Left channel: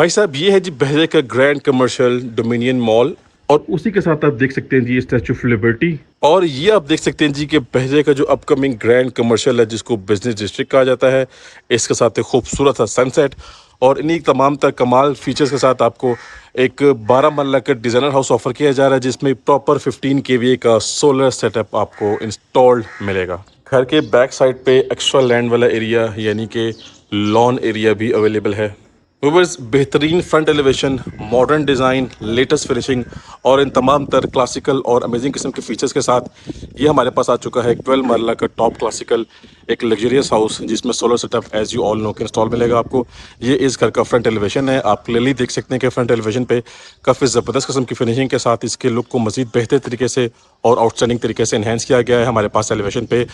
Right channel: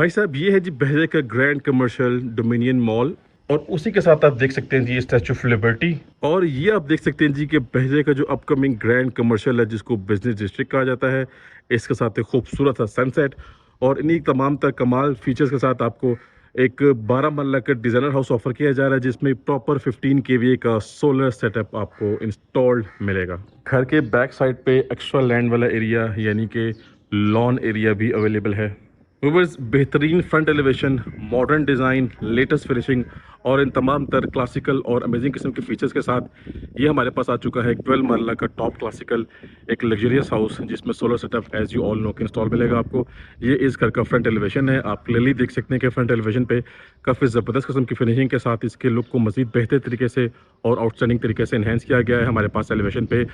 भाई साहब ये है जी बहरे का ग्रैंड कमर्शियल डोमिनियन मॉल। और उसी के साथ आप देख सकते हैं जी स्टैचू ऑफ लिबर्टी। और ये आप देख सकते हैं जी कि बहरे का जो अपकमिंग ग्रैंड कमर्शियल है जिसको बिजनेस डिस्ट्रिक्ट कहा जाता है, इसके साथ एक खूबसूरत सा सनसेट और इन्हीं तमाम तर कमाल फीचर्स के साथ आपको एक 12 मरला का डिज़ाइनर हाउस ऑफर किया जा रहा है जिसमें प्रॉपर 15 केवीए का सोलर सेटअप आपको इंस्टॉल्ड मिलेगा। घर के बैक साइड पे एक्स्ट्रा लैंड वाला एरिया यानी कि लॉन एरिया भी अवेलेबल है। व्यूअर्स, बेहतरीन front elevation, modern design, latest finishing और इन तमाम तर क्लासिकल और अमेजिंग किस्म के फीचर्स के साथ ये हमारे पास आ चुका है एक 12 मरला का टॉप क्लासिकल एक लग्जरियस हाउस जिसमें solar setup as you all know के इंस्टॉल मिलेगा आपको। ये इस घर का फ्रंट एलिवेशन है। आप क्लियरली देख सकते हैं कि फ्रंट एलिवेशन पे काफ़ी ज़बरदस्त किस्म की फिनिशिंग के साथ इसके लुक को मज़ीद बेहतर तरीके से और आउटस्टैंडिंग तरीके से इन्हेंस किया गया है। हमारे पास एलिवेशन पे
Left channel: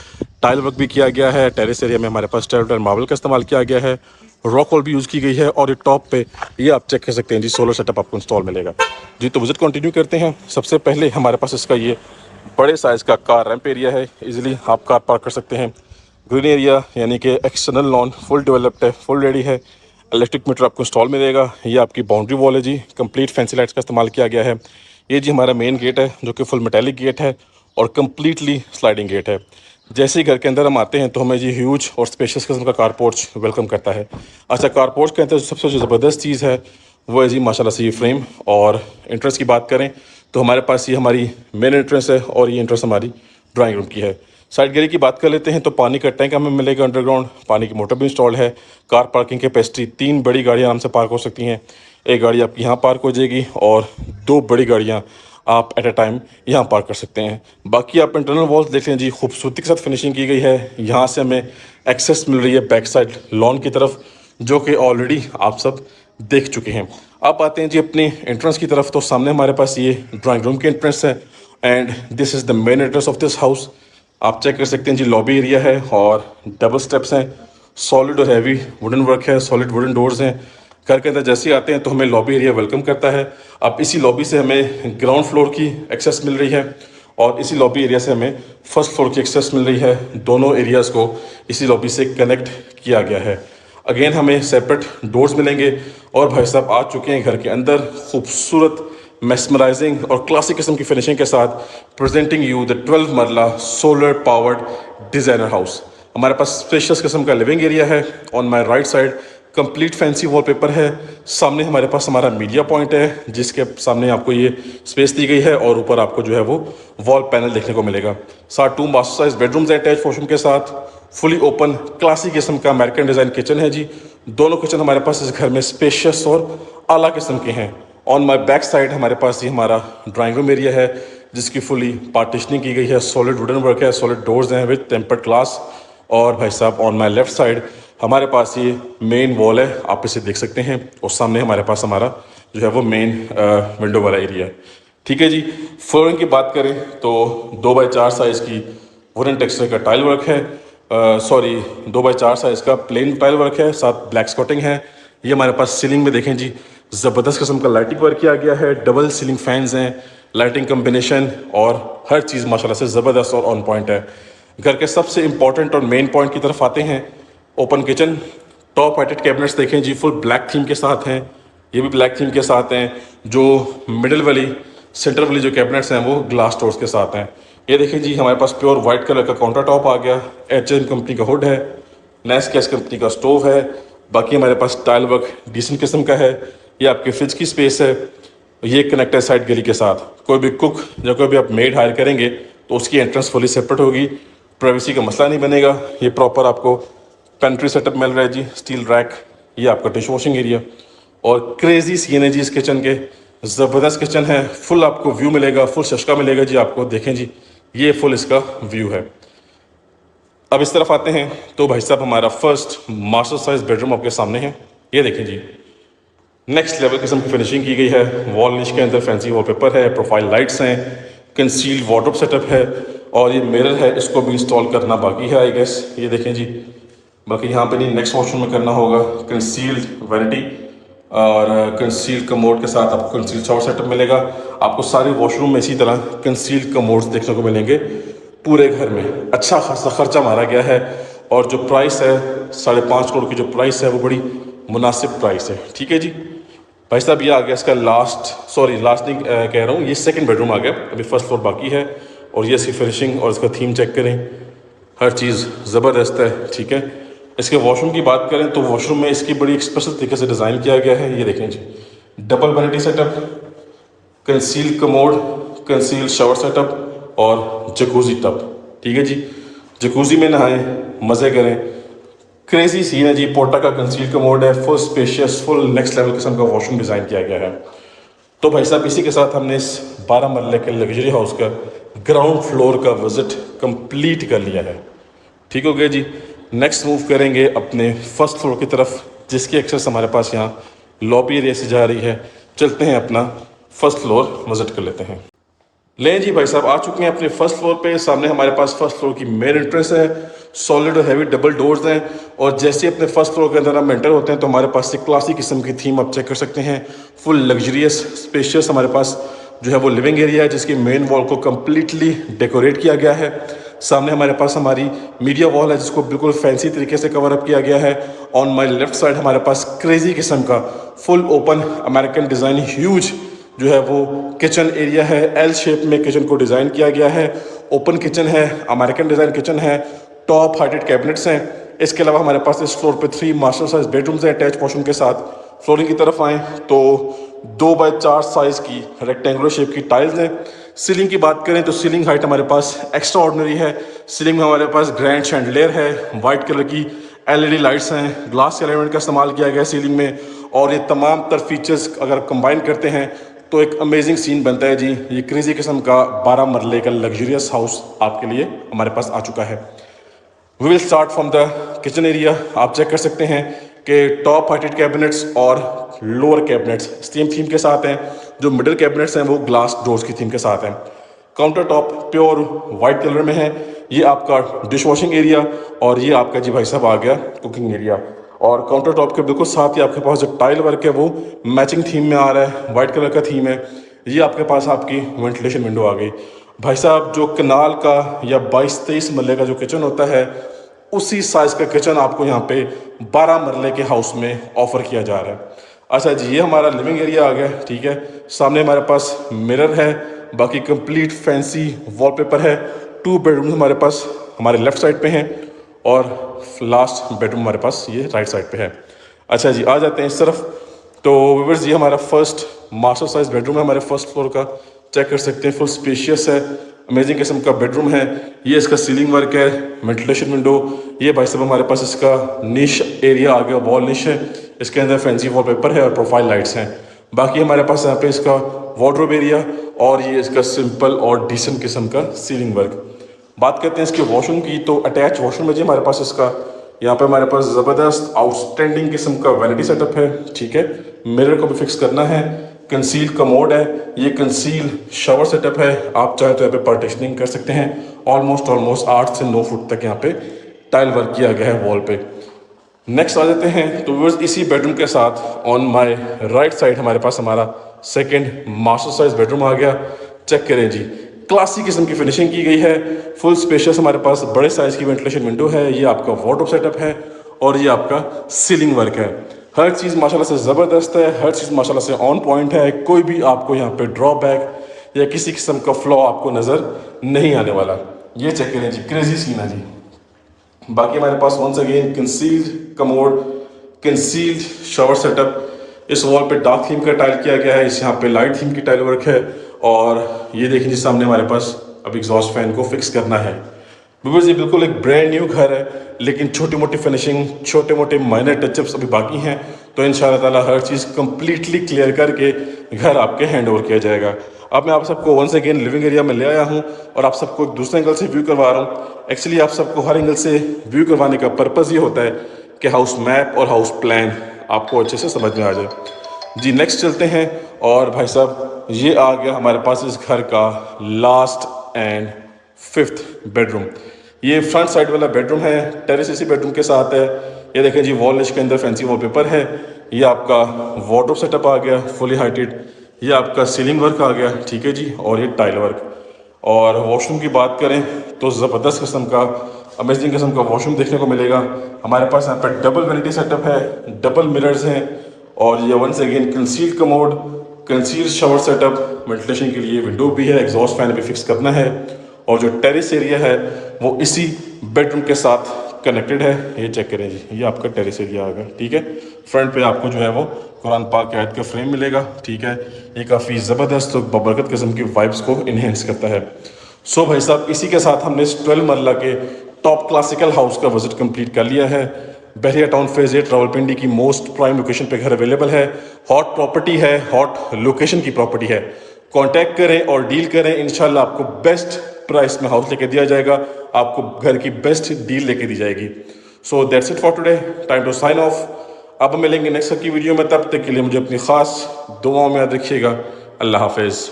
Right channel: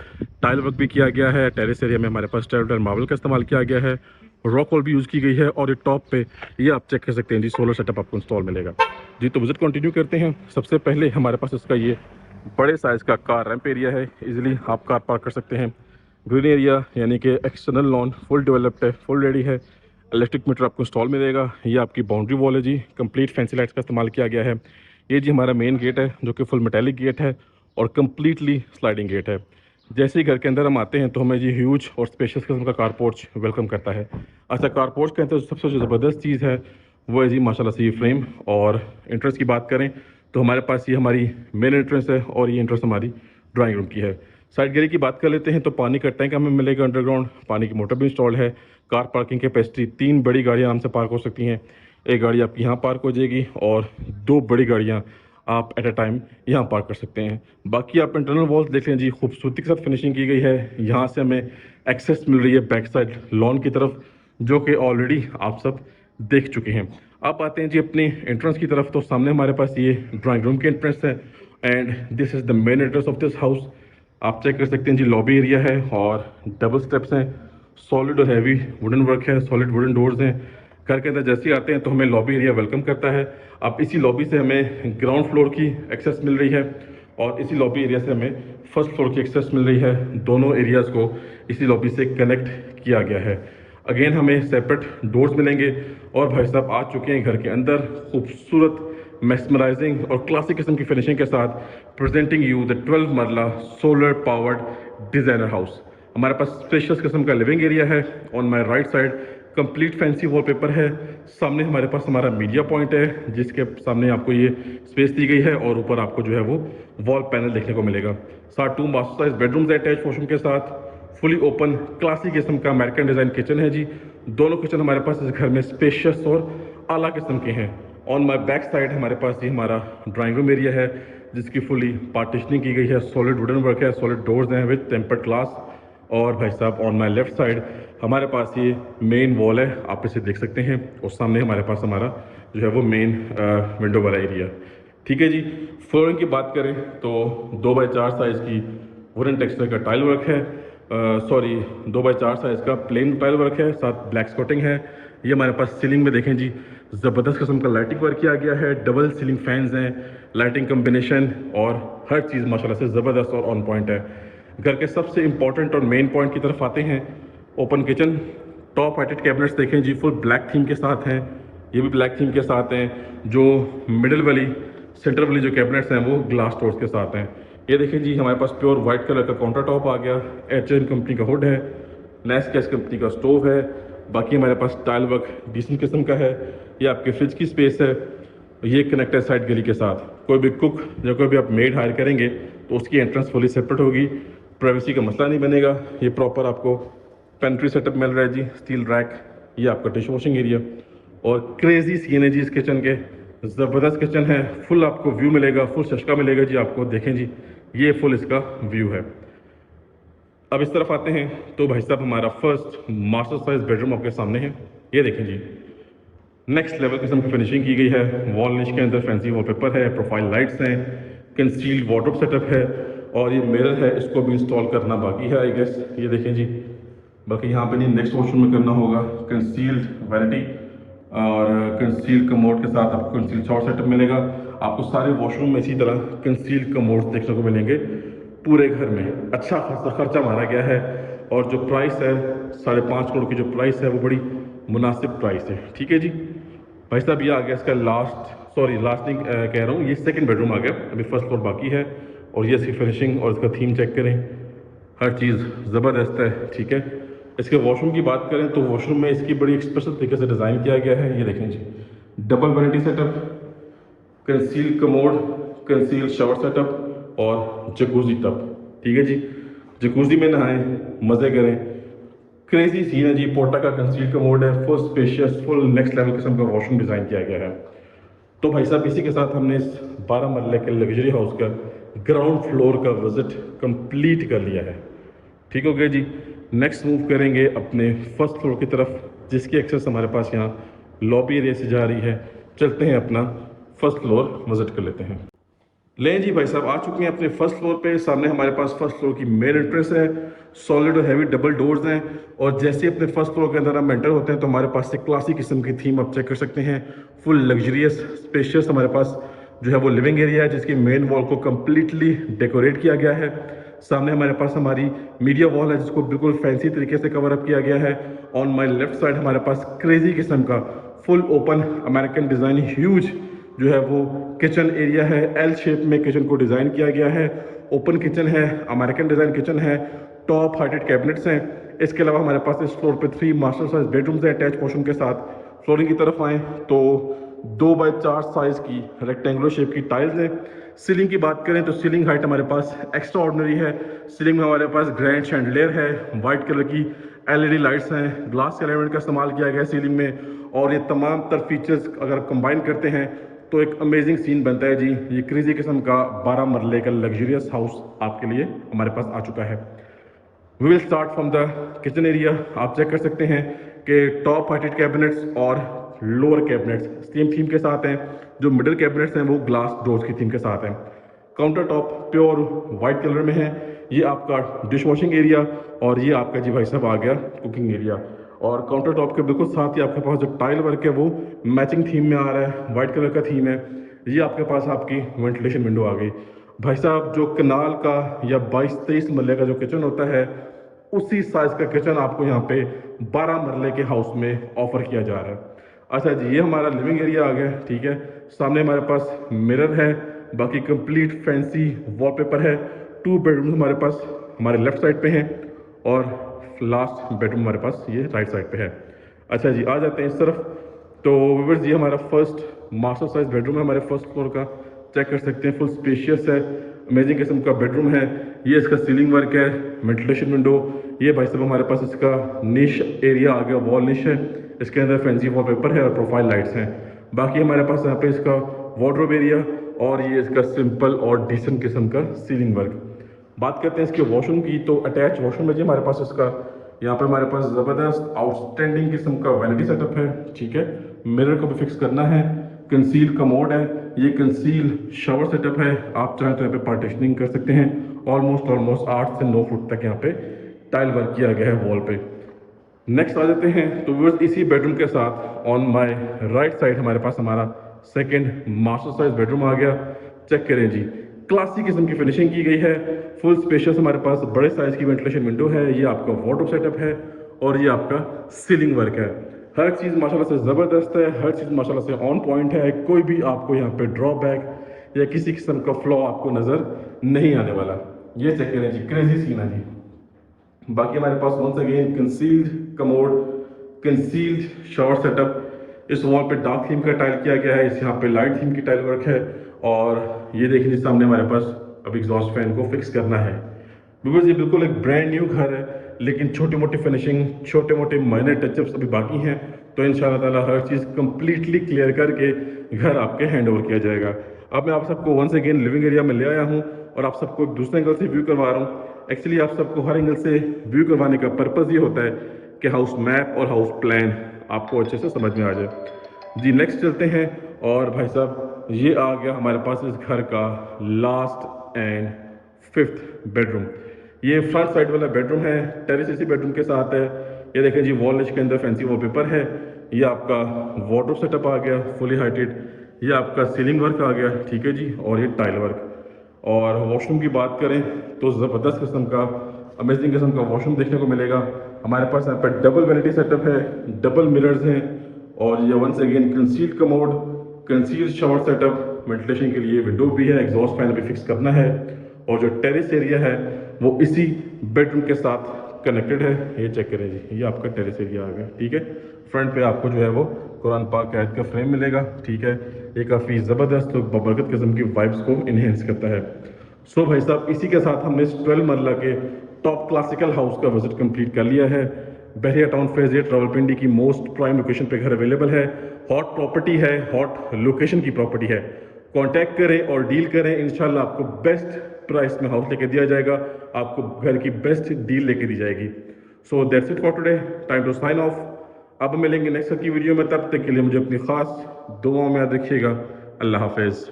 टाइल वर्क भी किया गया है। टेरेस एरिया में हमारे पास टेरेडोर मार्बल का इस्तेमाल किया गया है, रॉक वॉल भी यूज़ की गई है और ये टॉप पे ये आप चेक कर सकते हैं जी सोलर सेटअप आपको इंस्टॉल मिलेगा जी। तो विजिट कंटिन्यू करते हैं। सबसे पहले हमारे पास इसका ये बड़े साइज़ का कार रैंप एरिया है, इजीली आप कार पार्क कर सकते हैं। ग्रीन एरिया यानी कि एक्सटर्नल लॉन फुल डेवलप्ड है, फुल रेडी है। इलेक्ट्रिक मीटर आपको इंस्टॉल मिलेगा। ये आपकी बाउंड्री वॉल है जी, कंप्लीट फैंसी लाइट्स का इस्तेमाल किया गया है। ये जी हमारा मेन गेट है जो कि फुल मेटेलिक गेट है और कम्प्लीटली स्लाइडिंग गेट है। जैसे ही घर के अंदर हम आते हैं तो हमें ये ह्यूज और स्पेशियस किस्म का कार पोर्च वेलकम करता है। अच्छा, कार पोर्च के अंदर सबसे जो ज़बरदस्त चीज़ है वो है जी माशाल्लाह से ये फ्रेम। और एंट्रेंस की बात करें तो हमारे पास ये हमारी मेन एंट्रेंस है और ये एंट्रेंस हमारी ड्राइंग रूम की है। साइड गैलरी की बात कर लेते हैं तो पानी का टैंक हमें मिलेगा अंडरग्राउंड, पानी की मोटर भी इंस्टॉल्ड है। कार पार्किंग कैपेसिटी 3 बड़ी गाड़ियाँ आराम से पार्क हो सकती हैं। एक गाड़ी आपकी यहाँ पार्क हो जाएगी और 2 बड़ी गाड़ियाँ आप एट अ टाइम यहाँ पार्क कर सकते हैं। बाकी आप इंटरनल वॉल्स देख लें जी, खूबसूरती के साथ फिनिशिंग की गई है। यहाँ से हमें एक्सेस मिल रही है बैक साइड लॉन की तरफ जो कि ऑलरेडी आप सब देख चुके हैं। आप आते हैं जी अपनी एंट्रेंस की तरफ तो सामने हमारे पास ये ड्राइंग रूम की एंट्रेंस है and this is the main entrance of this house. आप चेक कर सकते हैं जी, लॉबी एरिया है और डबल स्टेप्स हैं, सॉलिड और हैवी वुडन वर्क है, सॉलिड वुडन डोर्स हैं। घर के अंदर जैसे ही आते हैं तो हमें लॉबी एरिया वेलकम करता है। अब इसी लॉबी से हमें ग्राउंड फ्लोर की एक्सेस मिल रही है और इसी लॉबी एरिया से हमें फर्स्ट फ्लोर की एक्सेस मिल रही है। दोनों एरियाज़ को इसी लॉबी से कनेक्ट किया गया है। अगेन हमें सेपरेट डोर्स मिलेंगे और भाई साहब आ चुके हैं घर के अंदर खूबसूरत मेस्मराइजिंग और क्लासिक किस्म की फिनिशिंग के साथ प्रेजेंटिंग यू द 12 मरला सोलर पावर्ड डिज़ाइनर हाउस। हमारे पास स्पेशियस किस्म का लिविंग एरिया है। On my right side complete fancy wallpaper है। सामने हमारे पास हमारा मीडिया पॉइंट है जिसके सामने आपको ये स्पेस दी गई है और ऊपर आपको जो है वो वॉल पैनल देखने को मिलेगा। साथ 2 मास्टर साइज बेडरूम्स हैं अटैच वॉशरूम के साथ। फुली ओपन क्लासिक किस्म का अमेरिकन डिज़ाइन किचन है जी। दोनों किचन हमारे पास इस घर में स्पेशियस और आला किस्म के हैं। ऑन माय बैक साइड हमारे पास ये हमारा ड्राइंग रूम एरिया है जिसकी फुली पार्टीशनिंग की गई है, सॉलिड वुडन वर्क है, सॉलिड डोर्स हैं विद टेम्पर्ड ग्लास। और भाई साहब ऑन माय लेफ्ट साइड हमारे पास ये मेन वॉल है, आप इसे देख सकते हैं और सामने हमारे पास हमारा जो है वो मेन विंडो वाला एरिया। ठीक है जी। फ्लोरिंग की बात करें तो 2x4 साइज़ की वुडन टेक्सचर का टाइल वर्क है, सॉरी 2x4 साइज़ का प्लेन टाइल वर्क है, साथ ब्लैक स्कॉटिंग है। ये हमारे पास सीलिंग में देखें जी, ज़बरदस्त किस्म का लाइटिंग वर्क किया गया है। डबल सीलिंग फैंस हैं, लाइटिंग कम्बिनेशन और हर चीज़ माशाल्लाह से ज़बरदस्त और ऑन पॉइंट है। घर के सबसे इंपॉर्टेंट और मेन पॉइंट की तरफ आते हैं। Open kitchen, top heighted cabinets देखें जी, फुल ब्लैक थीम के साथ हैं। ये भी ब्लैक थीम के साथ हैं। जो मिडिल वाली सेंटर वाली जो कैबिनेट्स हैं वो ग्लास डोर्स के साथ हैं। ये देखें जी, हमारे पास प्योर वाइट कलर का काउंटर टॉप आ गया। एच कंपनी का हुड है, नेस्कैश कंपनी का स्टोव है। बाकी हमारे पास टाइल वर्क डिसेंट किस्म का है। ये आपके फ्रिज की स्पेस है। ये कनेक्ट है साइड गली के साथ। कोई भी कुक या कोई भी आप मेड हायर करेंगे तो उसकी एंट्रेंस फुली सेपरेट होगी, प्राइवेसी का मसला नहीं बनेगा। ये प्रॉपर आपको पेंट्री सेटअप मिल रहा है जी, स्टील रैक। ये आपका डिश वॉशिंग एरिया और क्रेजी सीन है जी इस किचन के। ज़बरदस्त किचन है, फुल आपको व्यू मिलेगा, फुल शशका मिलेगा जी आपको। देखें जी, ये फुल इसका व्यू है। अब इस तरफ आते हैं तो भाई साहब हमारा फर्स्ट मास्टर साइज बेडरूम आपके सामने है। ये देखें जी, नेक्स्ट लेवल किस्म की फिनिशिंग की गई है। वॉल निश के अंदर फैंसी वॉलपेपर है, प्रोफाइल लाइट्स हैं, कंसील्ड वार्डरोब सेटअप है और ये मिरर है, इसको भी इंस्टॉल करना बाकी है आई गेस। ये देखें जी, बाकी यहाँ पे नहीं, नेक्स्ट वॉशरूम में करना होगा। कंसील्ड वैनिटी और कंसील्ड कमोड के साथ आपको कंसील्ड शावर सेटअप मिलेगा। आपको सारे वॉशरूम में इसी तरह कंसील्ड कमोड्स देखने को मिलेंगे। पूरे घर में अच्छा खासा खर्चा मारा गया है और जो प्राइस है 5.5 करोड़ की जो प्राइस है वो बड़ी मुनासिब प्राइस है। ठीक है जी। भाई साहब ये आ गया इसका लास्ट नहीं कह रहा हूँ, ये सेकंड बेडरूम आ गया, अभी फर्स्ट फ्लोर बाकी है। और ये इसकी फिनिशिंग और इसका थीम चेक करें, हर चीज़ ज़बरदस्त है, ठीक है। इसके वॉशरूम की बात करें तो वॉशरूम में इसकी बड़ी एक स्पेशल तरीके से डिज़ाइन किया गया है। ये देखें जी, double vanity setup, conceal commode, conceal shower setup और जकूजी टब, ठीक है जी। जकूजी में नहाएं, मज़े करें, क्रेजी सीन है जी। पोर्टा का कंसील कमोड है, full spacious, full next level किस्म का वॉशरूम डिज़ाइन किया गया है। तो भाई साहब इसी के साथ हमने इस 12 मरले के लग्जरी हाउस का ग्राउंड फ्लोर का विज़िट कंप्लीट कर लिया है। ठीक हो गया जी। नेक्स्ट मूव करेंगे अपने फर्स्ट फ्लोर की तरफ, जिसकी एक्सेस हमारे पास यहाँ लॉबी एरिया से जा रही है। चलते हैं अपना फर्स्ट फ्लोर विजिट कर लेते हैं। लें जी भाई साहब, आ चुके हैं अपने फर्स्ट फ्लोर पे। सामने हमारे पास फर्स्ट फ्लोर की मेन एंट्रेंस है, सॉलिड और हैवी डबल डोर्स हैं। और जैसे अपने फर्स्ट फ्लोर के अंदर हम एंटर होते हैं तो हमारे पास एक क्लासी किस्म की थीम आप चेक कर सकते हैं। फुल लग्जरियस स्पेशियस हमारे पास जो है वो लिविंग एरिया है, जिसकी मेन वॉल को कम्प्लीटली डेकोरेट किया गया है। सामने हमारे पास हमारी मीडिया वॉल है, जिसको बिल्कुल फैंसी तरीके से कवर अप किया गया है। ऑन माई लेफ्ट साइड हमारे पास क्रेजी किस्म का full open American design huge जो है वो किचन एरिया है। एल शेप में किचन को डिज़ाइन किया गया है। ओपन किचन है, अमेरिकन डिज़ाइन किचन है, टॉप हाइटेड कैबिनेट्स हैं। इसके अलावा हमारे पास इस फ्लोर पे 3 मास्टर साइज बेडरूम्स हैं अटैच वॉशरूम के साथ। फ्लोरिंग की तरफ आएँ तो 2x4 साइज़ की रेक्टेंगुलर शेप की टाइल्स हैं। सीलिंग की बात करें तो सीलिंग हाइट हमारे पास एक्स्ट्रा ऑर्डिनरी है। सीलिंग में हमारे पास ग्रैंड शैंडलियर है, वाइट कलर की LED लाइट्स हैं, ग्लास एलिमेंट का इस्तेमाल किया गया है सीलिंग में। और ये तमाम तर फीचर्स अगर कंबाइन करते हैं तो एक अमेजिंग सीन बनता है जी। ये क्रेजी किस्म का 12 मरले का लग्जरियस हाउस आपके लिए हमारे पास आ चुका है। We will start from the kitchen area. आप चेक कर सकते हैं कि टॉप हाइटेड कैबिनेट्स और लोअर कैबिनेट्स सेम थीम के साथ हैं। जो मिडिल कैबिनेट्स हैं वो ग्लास डोर्स की थीम के साथ हैं। Counter top pure white colour में है। ये आपका डिश वॉशिंग एरिया और ये आपका जी भाई साहब आ गया कुकिंग एरिया। और काउंटर टॉप के बिल्कुल साथ ही आपके पास जो टाइल वर्क है वो मैचिंग थीम में आ रहा है, वाइट कलर का थीम है। ये आपके पास आपकी वेंटिलेशन विंडो आ गई। भाई साहब जो कनाल का या 22-23 मरले का जो किचन होता है, उसी साइज़ का किचन आपको यहाँ पे 12 मरले के हाउस में ऑफर किया जा रहा है। अच्छा जी, ये हमारा लिविंग एरिया आ गया, ठीक है। सामने हमारे पास मिरर है, बाकी कंप्लीट फैंसी वॉलपेपर है। 2 बेडरूम हमारे पास हमारे लेफ्ट साइड पे हैं और लास्ट बेडरूम हमारे पास ये राइट साइड पे है। अच्छा जी, आ जाते हैं इस तरफ। तो व्यूअर्स ये हमारा फर्स्ट मास्टर साइज बेडरूम है हमारे फर्स्ट फ्लोर का। चेक कर सकते हैं, फुल स्पेशियस है, अमेजिंग किस्म का बेडरूम है। ये इसका सीलिंग वर्क है, वेंटिलेशन विंडो। ये भाई साहब हमारे पास इसका निश एरिया आ गया, वॉल निश है। इसके अंदर फैंसी वॉलपेपर है और प्रोफाइल लाइट्स हैं। बाकी हमारे पास यहाँ पे इसका वार्डरोब एरिया और ये इसका सिंपल और डिसेंट किस्म का सीलिंग वर्क। बात करते हैं इसके वॉशरूम की, तो अटैच वॉशरूम में जी हमारे पास इसका यहाँ पे हमारे पास ज़बरदस्त आउटस्टैंडिंग किस्म का वैनिटी सेटअप है, ठीक है। मिरर को भी फिक्स करना है। कंसील कमोड है, ये कंसील शावर सेटअप है। आप चाहे तो यहाँ पे पार्टीशनिंग कर सकते हैं। ऑलमोस्ट 8 से 9 फुट तक यहाँ पे टाइल वर्क किया गया है वॉल पे। नेक्स्ट आ जाते हैं तो व्यूअर्स इसी बेडरूम के साथ ऑन माय राइट साइड हमारे पास हमारा सेकंड मास्टर साइज बेडरूम आ गया। चेक करें जी, क्लासिक किस्म की फिनिशिंग की गई है। फुल स्पेशियस हमारे पास बड़े साइज की वेंटिलेशन विंडो है। ये आपका वार्डरोब सेटअप है और ये आपका सीलिंग वर्क है। हर चीज़ माशाल्लाह से ज़बरदस्त है, हर चीज़ माशाल्लाह से ऑन पॉइंट है। कोई भी आपको यहाँ पे ड्रॉबैक या किसी किस्म का फ्लॉ आपको नज़र नहीं आने वाला। ये चेक करें जी, क्रेजी सीन है जी। बाकी हमारे पास once again concealed commode, concealed shower setup. इस वॉल पे डार्क थीम का टाइल किया गया है, इस यहाँ पे लाइट थीम की टाइल वर्क है। और ये देखिए जी सामने हमारे पास अब एग्जॉस्ट फैन को फिक्स करना है। बिकॉज ये बिल्कुल एक ब्रांड न्यू घर है, लेकिन छोटी मोटी फिनिशिंग, छोटे मोटे माइनर टचअप्स अभी बाकी हैं। तो इंशाल्लाह ताला हर चीज़ कंप्लीटली क्लियर करके घर आपके हैंड ओवर किया जाएगा। अब मैं आप सबको वंस अगेन लिविंग एरिया में ले आया हूँ और आप सबको एक दूसरे एंगल से व्यू करवा रहा हूँ। एक्चुअली आप सबको हर एंगल से व्यू करवाने का पर्पज़ ये होता है कि हाउस मैप और हाउस प्लान आपको अच्छे से समझ में आ जाए जी। नेक्स्ट चलते हैं और भाई साहब ये आ गया हमारे पास इस घर का लास्ट एंड 5th बेडरूम। ये फ्रंट साइड वाला बेडरूम है, टेरेस इसी बेडरूम के साथ है। ये देखें जी, वॉल निश के अंदर फैंसी वॉलपेपर है। ये आपका वार्डरोब सेटअप आ गया फुली हाइटेड। ये आपका सीलिंग वर्क आ गया, ठीक है जी। और ये टाइल वर्क। और वॉशरूम की बात करें तो ज़बरदस्त किस्म का, अमेजिंग किस्म का वॉशरूम देखने को मिलेगा। हमारे पास यहाँ पर डबल वैनिटी सेटअप है, डबल मिरर्स हैं और ये once again concealed commode, concealed shower setup, ventilation के लिए विंडो भी है, एग्जॉस्ट फैन भी फिक्स करना है। और जो टेरेस एरिया है वो इसी बेडरूम के साथ कनेक्टेड है। ये चेक करें जी, ये आपका टेरेस एरिया आ गया, ठीक है। फ्रंट पे आपको जो है वो कुरान पाक की आयत का फ्रेम मिलेगा, ठीक है। ये काफ़ी ज़बरदस्त और बबरकत किस्म की वाइब्स को इन्हेंस करता है। सो भाई साहब, इसी के साथ हमने इस 12 मरला के टॉप क्लासिकल हाउस का विजिट कंप्लीट कर लिया है। बहरिया टाउन फेज 8 रावलपिंडी की मोस्ट प्राइम लोकेशन पे घर अवेलेबल है। हॉट प्रॉपर्टी है, हॉट लोकेशन की प्रॉपर्टी है। कांटेक्ट करें और डील करें, इंशाल्लाह आपको बेस्ट प्राइस में हाउस लेके दिया जाएगा, आपको घर की बेस्ट डील लेके दी जाएगी। So that's it for today, time to sign off. अब मिलेंगे नेक्स्ट की वीडियो में, तब तक के लिए मुझे अपनी खास दुआओं में याद रखिएगा। अल्लाह हाफिज़।